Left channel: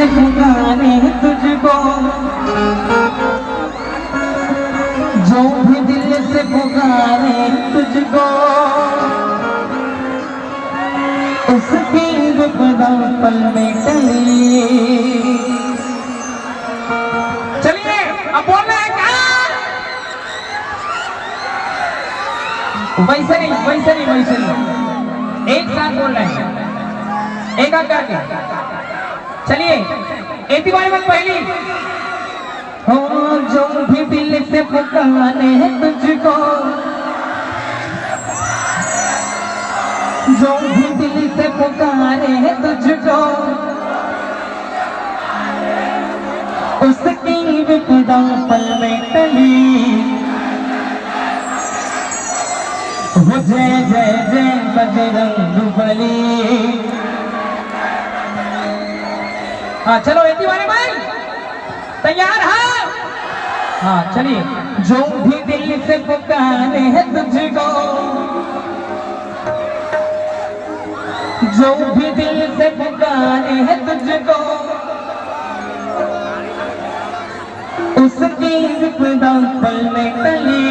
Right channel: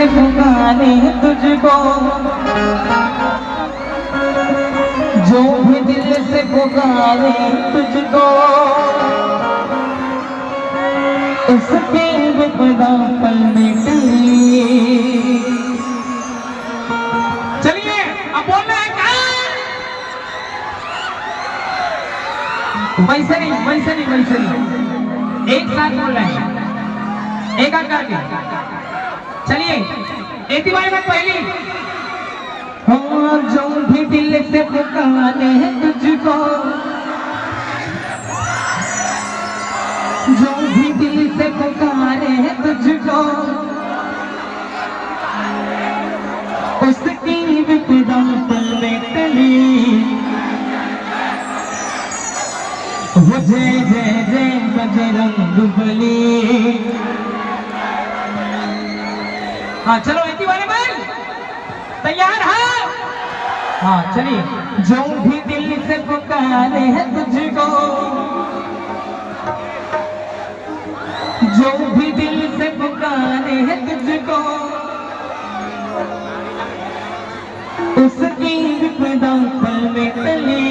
से पुकारे तुझको, जो भी दिल से पुकारे तुझको, उसकी विपदा पल में टली। चलिए अब बोल रहे हैं वैसे नहीं वैसे नहीं वैसे नहीं, एक साथ बोल रहे हैं, एक आध करके। चलिए एती बारी बात पहली हो, जो भी दिल से पुकारे तुझको, जो भी दिल से पुकारे तुझको, उसकी विपदा पल में टली। वो जय जय जय बजरंगबली। हाँ चलो एक ही बारे में तैयार है। हाँ चलिए, जो भी दिल से पुकारे है तुझको, जो भी दिल से पुकारे है तुझको, उसकी विपदा पल में टली।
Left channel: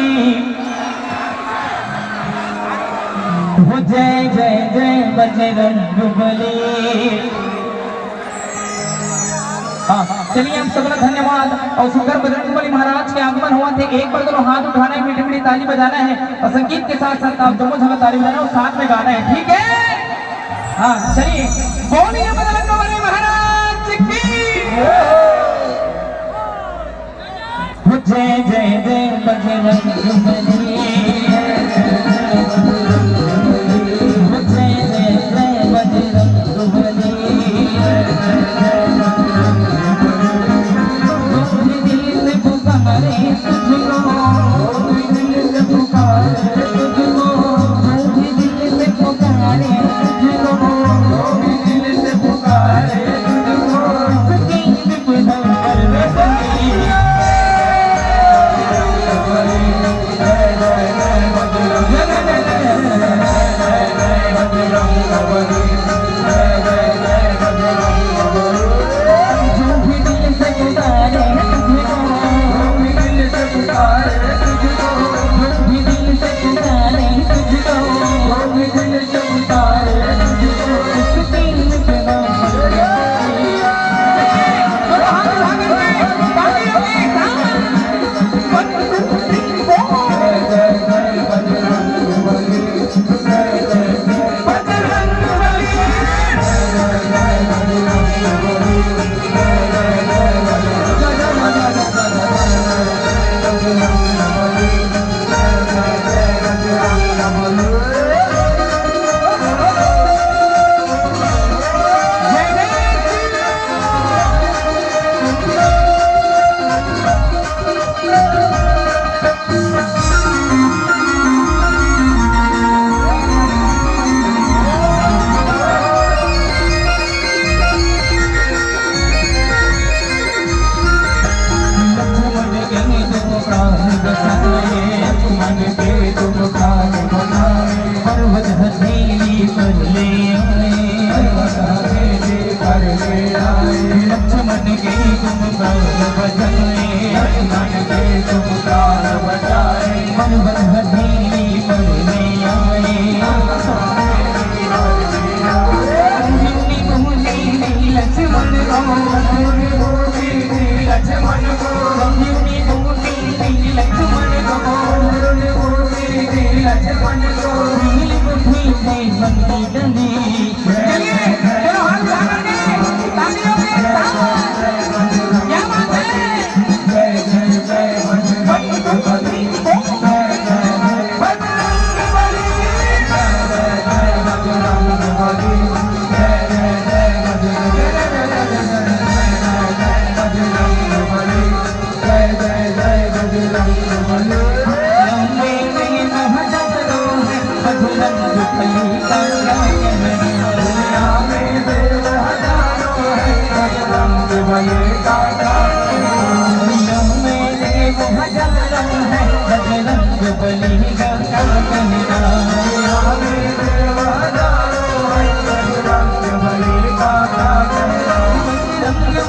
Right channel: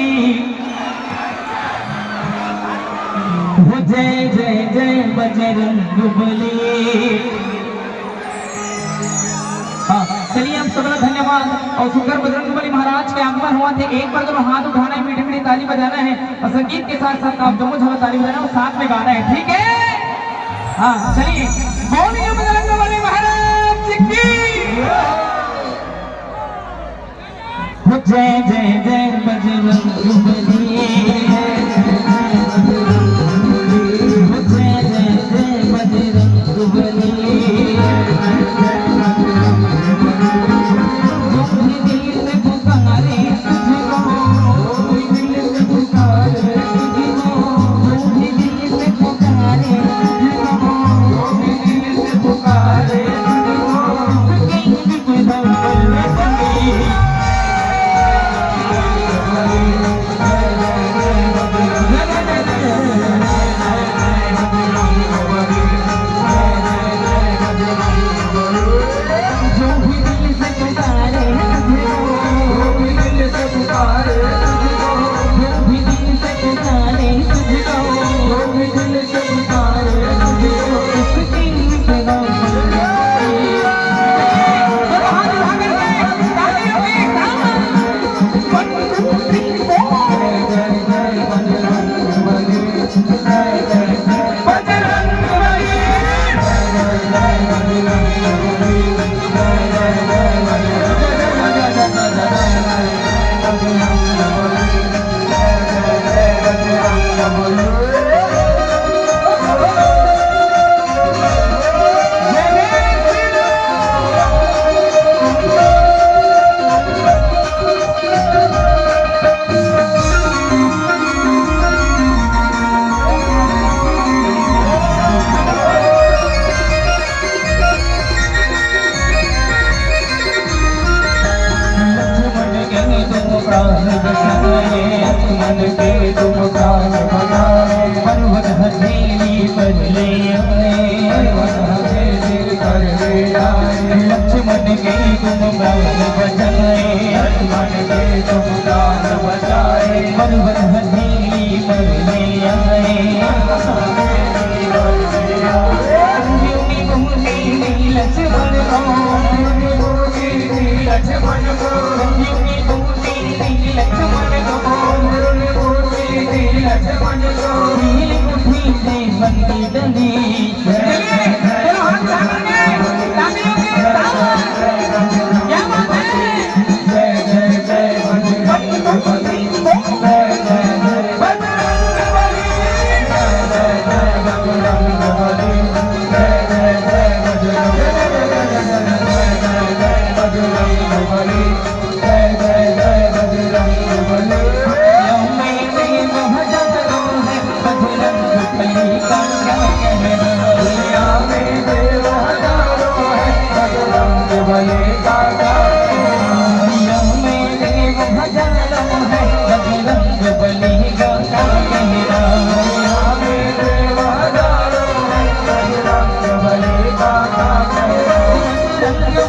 वो जय जय जय बजरंगबली। हाँ चलिए हम सबका धन्यवाद। और सुंदर बजरंगबली महाराज के आगमन हुआ थे। एक बार दोनों हाथ उठाना है, मीठी मीठी ताली बजाना है और संगीत के साथ साथ आप दोनों जगह ताली बजाना और साथ में गाना है, ठीक है? हाँ चलिए, बोलिए बजरंगबली महाराज की। वो जय जय जय बजरंगबली।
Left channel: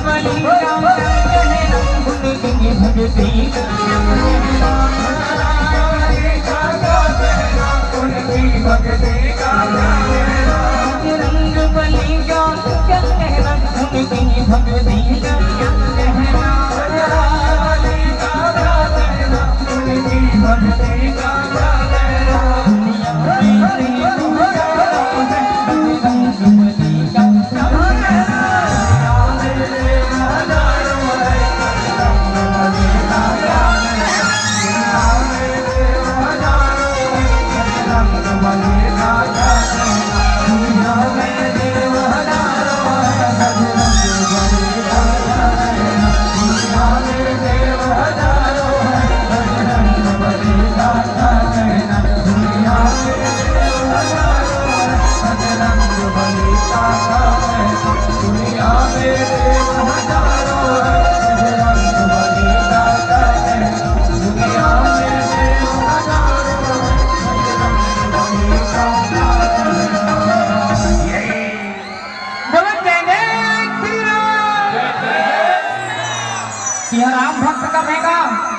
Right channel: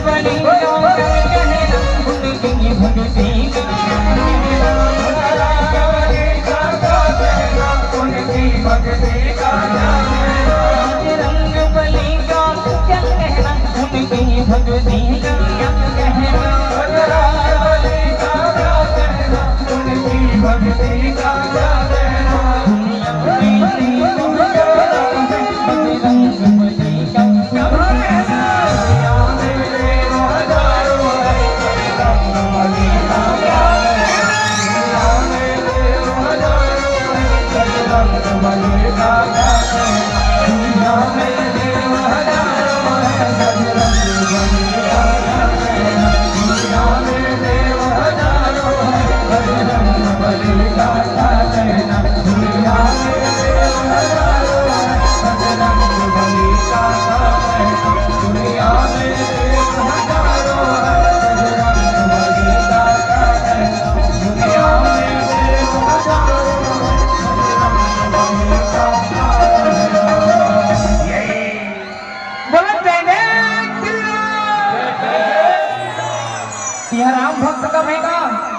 बलि का कहना उनकी भक्ति का उनकी भक्ति का बजरंग बलि का कहना उनकी भक्ति का कहना उनकी भक्ति का दुनिया में यह राम भक्त का रहेगा।